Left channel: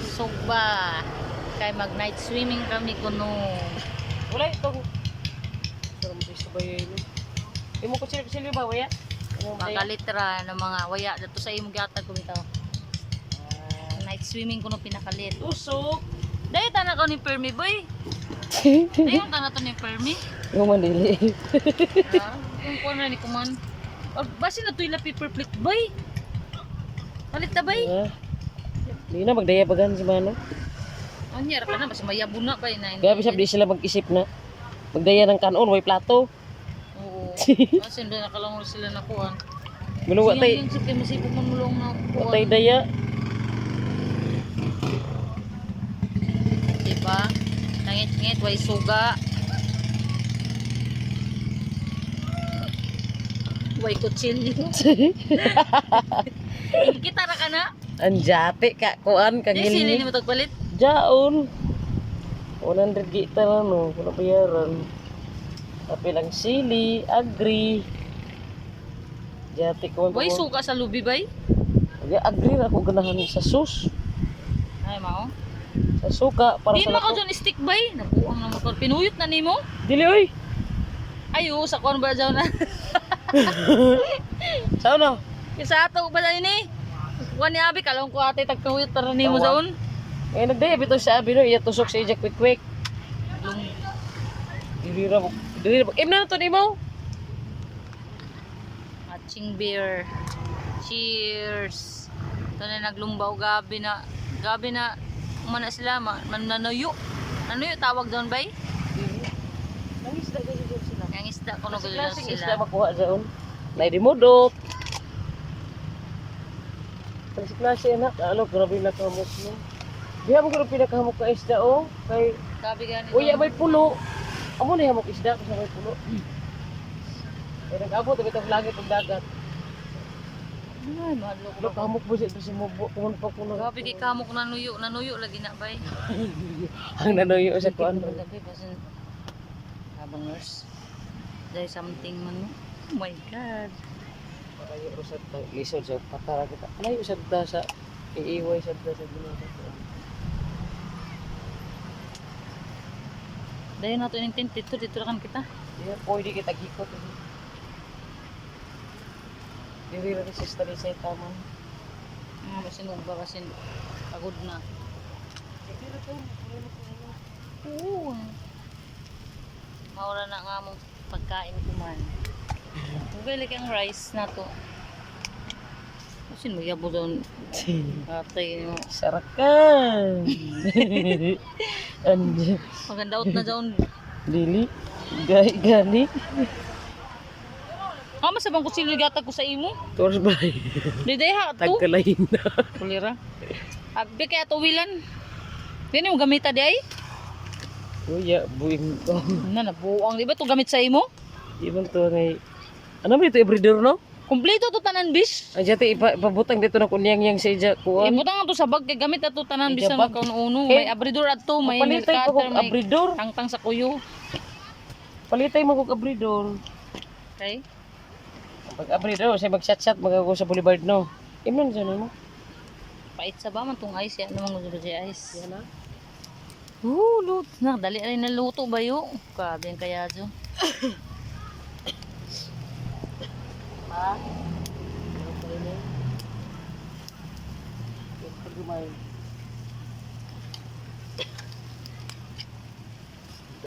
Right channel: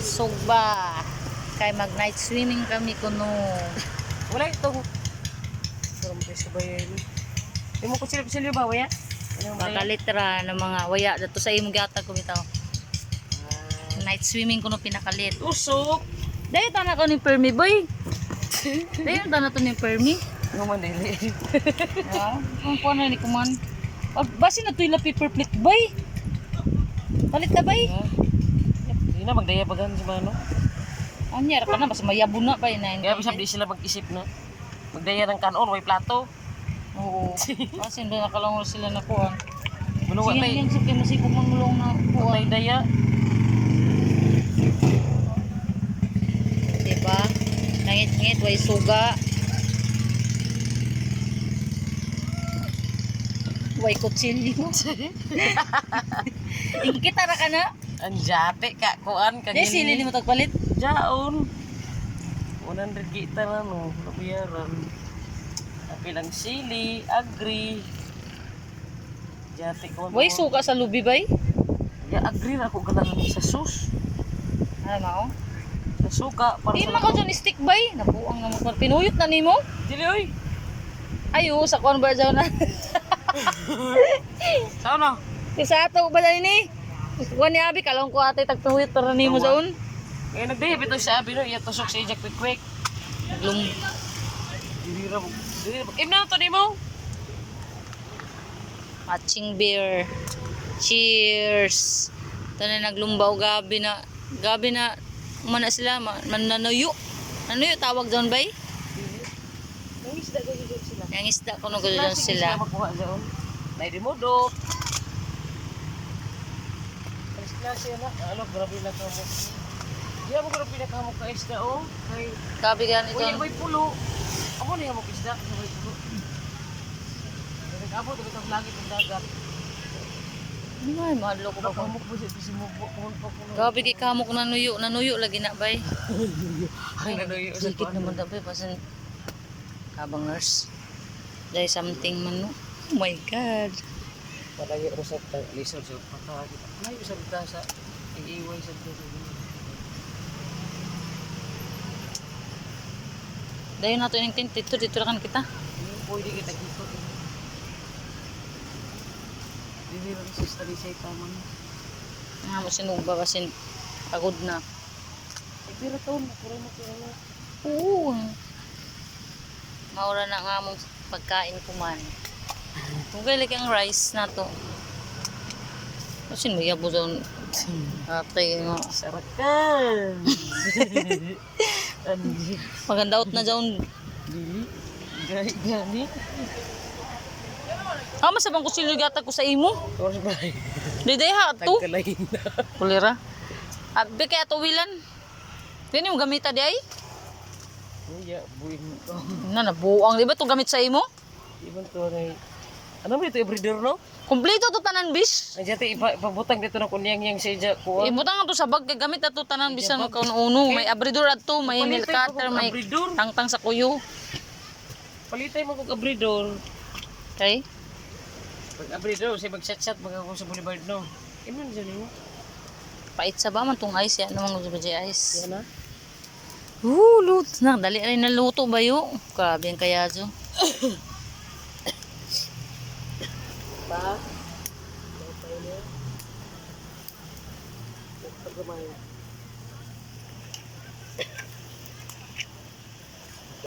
Sugba. Kay mag night swimming kami kuno. Wala ito. Sarang sa bayan. Imo ko silip-silip ba, waya? Pakalitra ng mga waya dato sa imong gihatag ko bitaw. Night swimming kuno pinakalit. Usok. Dahil tana ko ni Permi boy. Dahil tana to ni Permi. Guman dili. Kung kuha na ni kuman. Basi na to ila paper plate boy. Palit na bay. Di na magdaya bagan si Mano. Anyar ka na basta mayabon na ba na. Kaya bisab di sila mag-isip na magdaya ng kanon way plato. Oo. Kasi doon nakalangon sila na kuhan. Mulo tay. Yung suki masipog man mulong na Tay kuhan. daya. Diba? Ngit-ngit way suga. Way kutsilyo. Kita ra ka na? Anjate ka kuan Di sili ni mo tagpalit. Jaon. 100 kita na no, wala bayaran. Tapi lang sili, agri. Jati ko. Way suka sa lubi bay. Ya agri na ko ganahan sa sus. Ay mao. Sa suka para Di sa man ka dyan stick bay. Nabuang naman ko. Pinuyot na nimo. dili oy. Ayo sa kuan ba daw na. Sao no? Kisa ato ba dahil ni? Kuan ni abi kalong ko ate tagpuyot para nimo saon. Ay nagdaya bitaw sa abi no, iya tusok sa ijak quick. Lum Dili ra mo. Dili ra. Imna to nimo. matching beer. Cheers. Tanay naglumbaw gabi na mana sila mananuyo. Nanuyo tawag doon bay? Nangis da gud sila. Yang isda kuno gud doon Sila sila. makuha daon. Nay di modok. Klase na, ano grabe na kamot niya. Diha mo grabe na kamot ka isda oh. Kay Gabi ganito. uya may pulo. Amo na hamok isda sa may pulo. Ay nag-abot itong langit ug dagat. Ay, madlo ko Pero ba? kamok mo sa mubo kung pa kuno. Gabi kay kamok nanuyo lagi na bay. Ang nanoyo sa Sikit kuan. naman dapat pasan habang nurse. Dahil something man no. Oh my god. Palayo ro sa lisod sa patara kita. Layo sa ta sa iiway sa ta sa ginoo. Dahil nato yung tent dito ra kan kita. Pwede kita gikot. Dili ra sa study sa taman. Nga mo sinugba kasi pagod na. Dili ra taon, puro mo ano. Oo. Maura na nga mong pagkain kuman. Tugay lagi ang rice na to. Kasi mo yabo doon. Atay mo. Sarakan. Andi. Maganda out na doon. Dili. Gani. Masabang ko silugata ko sa imo. Tours bay. Diday ha to. Tagkalain na. Kulira. Abi kaya tuwilan. Dini mo gamita di ay? Kuya, buing ko. Nabuang di ba to gamit sa imo? Ibang to ngay. Ano ba ito ibridor no? Kompleto to tanan bis. Ay jati ipabutang dito na kunyang sa ija kuan. Ibutang to sa bag kay gamit ato tanan Ija bisan bag. kauno may abridor adto, may milk Palitay pa cutter, kog may abridor. tangtang sa kuyo. Palitay mo kog abridor. Okay? Pag abridor say mag-chat magago sa boulevard no. Imnon siya mo. Pait sa ba man tong ice ya namang gusto ba ice. Yan na. Lut na dali rin na luto ba yo? Grabe ang kaya jo. Pa. Pagumay.